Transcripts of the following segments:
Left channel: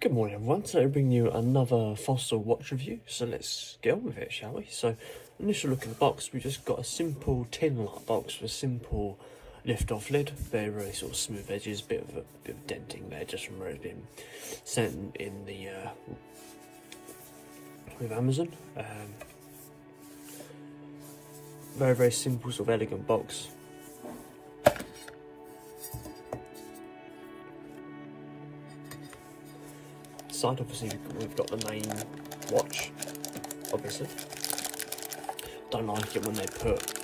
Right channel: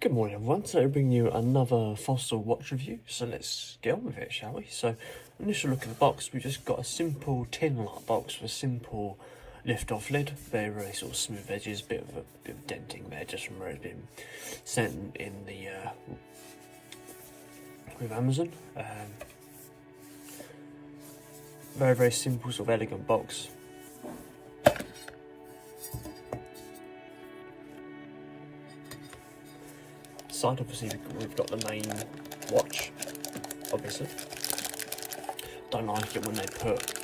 Good morning everyone, today I bring you another Fossil watch review, so let's get on with it, shall we? So, initial look at the box, we just got a simple tin-like box with a simple lift-off lid, very sort of smooth edges, bit of denting there just from where it's been sent in the with Amazon. Very simple, sort of elegant box. Side, obviously we've got the main watch, obviously. Don't like it when they put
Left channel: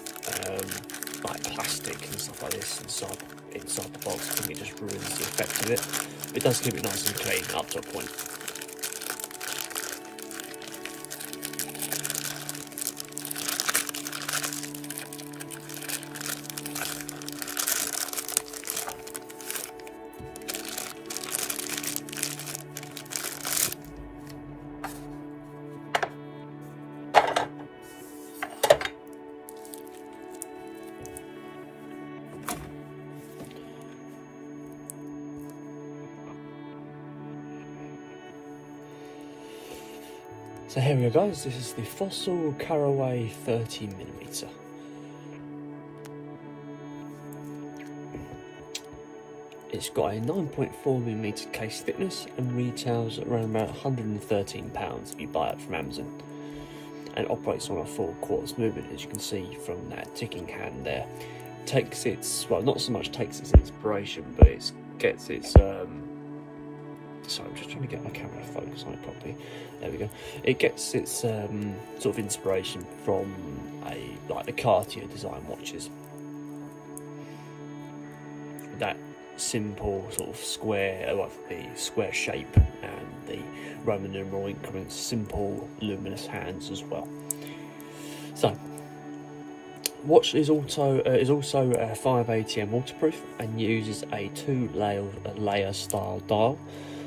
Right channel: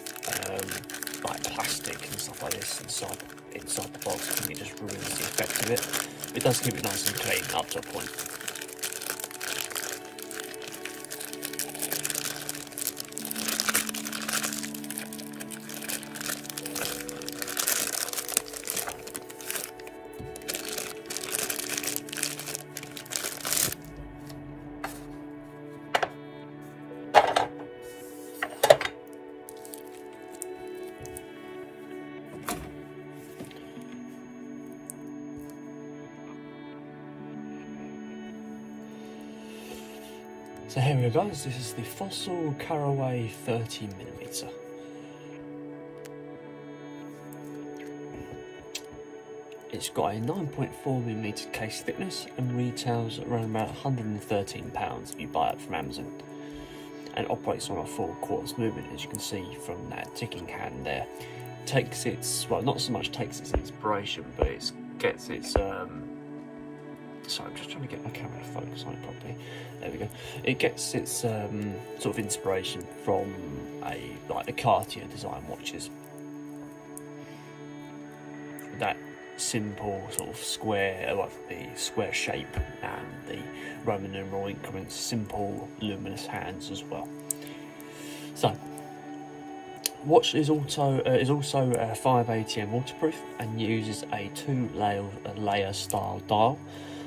like plastic and stuff like this inside the box. I think it just ruins the effect of it. It does keep it nice and clean up to a point. So here we go guys, this is the Fossil Carraway 30mm. It's got a 9.4mm case thickness and retails around about £113 if you buy it from Amazon. And operates on a full quartz movement, as you can see from that ticking hand there. Takes its, well, not so much takes its inspiration, but it gets its sorry, I'm just trying to get my camera to focus on it properly. There we go. It gets its sort of inspiration from like the Cartier design watches. That simple sort of square, like the square shape and the Roman numeral increments, simple luminous hands as well. So, watch is also 5 ATM waterproof and uses a 2-layer style dial.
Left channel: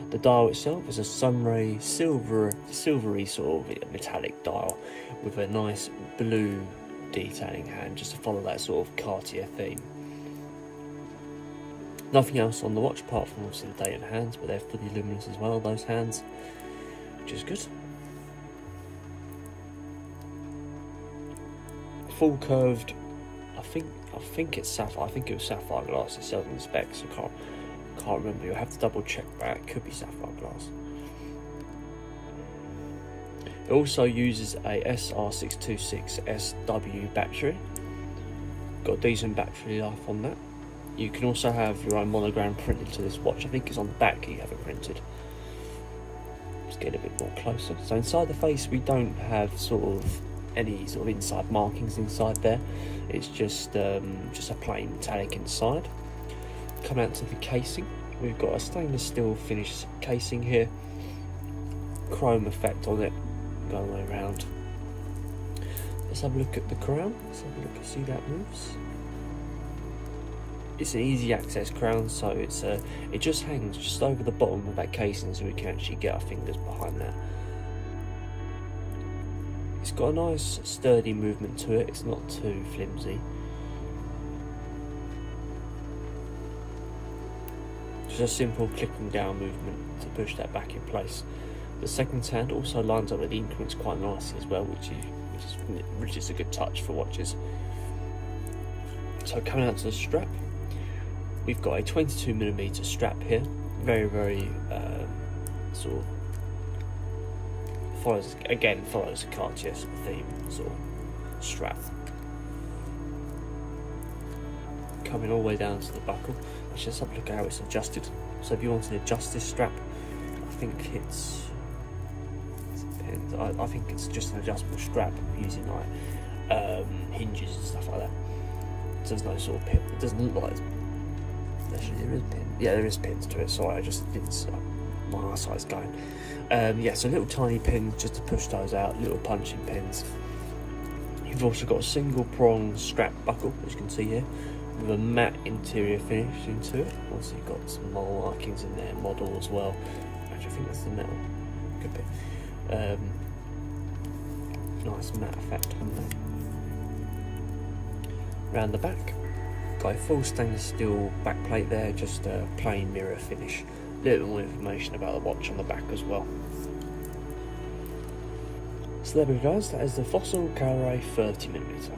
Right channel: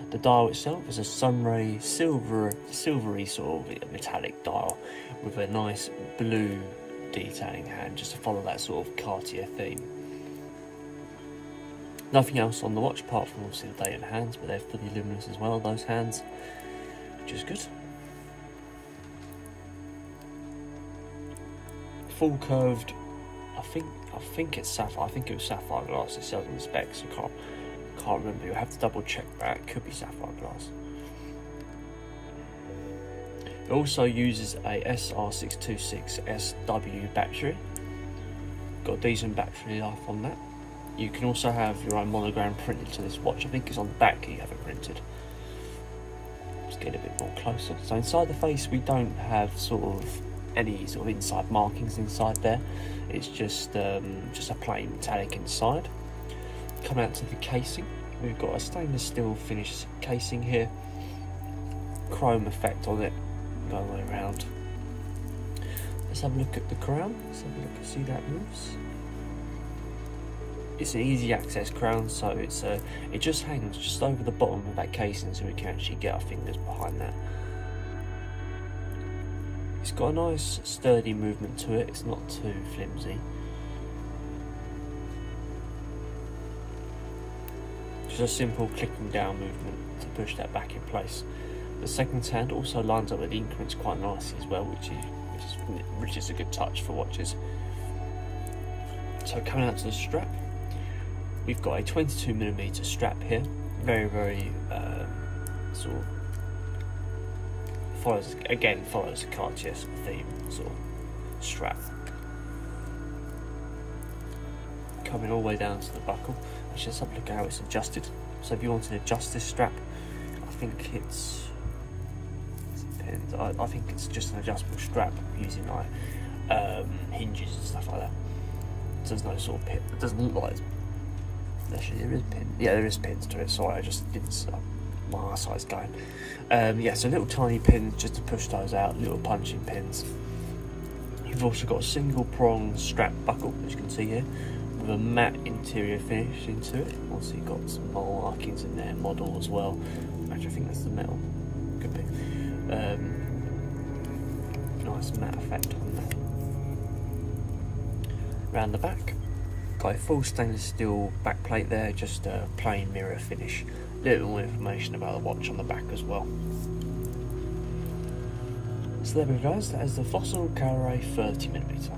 The dial itself is a sunray silvery sort of metallic dial with a nice blue detailing hand, just to follow that sort of Cartier theme. Nothing else on the watch apart from obviously the date and hands, but they're fully luminous as well, those hands, which is good. Full curved, I think it's sapphire. I think it was sapphire glass itself in the specs. I can't remember. You'll have to double check that. It could be sapphire glass. It also uses a SR626SW battery. Got a decent battery life on that. You can also have your own monogram printed to this watch. I think it's on the back you have it printed. Let's get a bit more closer. So inside the face we don't have any sort of inside markings inside there. It's just a plain metallic inside. Come out to the casing, we've got a stainless steel finished casing here, chrome effect on it going all the way around. Let's have a look at the crown. Let's have a look and see that moves. It's an easy access crown, so it just hangs just over the bottom of that casing, so we can actually get our fingers behind that. It's got a nice sturdy movement to it, it's not too flimsy. Just a simple clicking down movement to push that back in place. The second hand also lines up with the increments quite nicely as well, which is a good touch for watches. So coming out to the strap, we've got a 22mm strap here. Very sort of follows the Cartier theme sort of strap. Coming all the way down to the buckle. Let's just have a look at how it's adjusted. So if you want to adjust this strap, I think it's just an adjustable strap using like hinges and stuff like that. So there's no sort of pin. It doesn't look like it's, actually there is pins. Yeah, there is pins to it. Sorry, I just didn't. My eyesight's going. Yeah, so little tiny pins just to push those out. Little punching pins. You've also got a single prong strap buckle, as you can see here, with a matte interior finish into it. Also you've got some more markings in there, model as well. Actually I think that's the metal, could be. Nice matte effect on there. Round the back, got a full stainless steel back plate there, just a plain mirror finish little more information about the watch on the back as well. So there we go guys, that is the Fossil Carraway 30mm.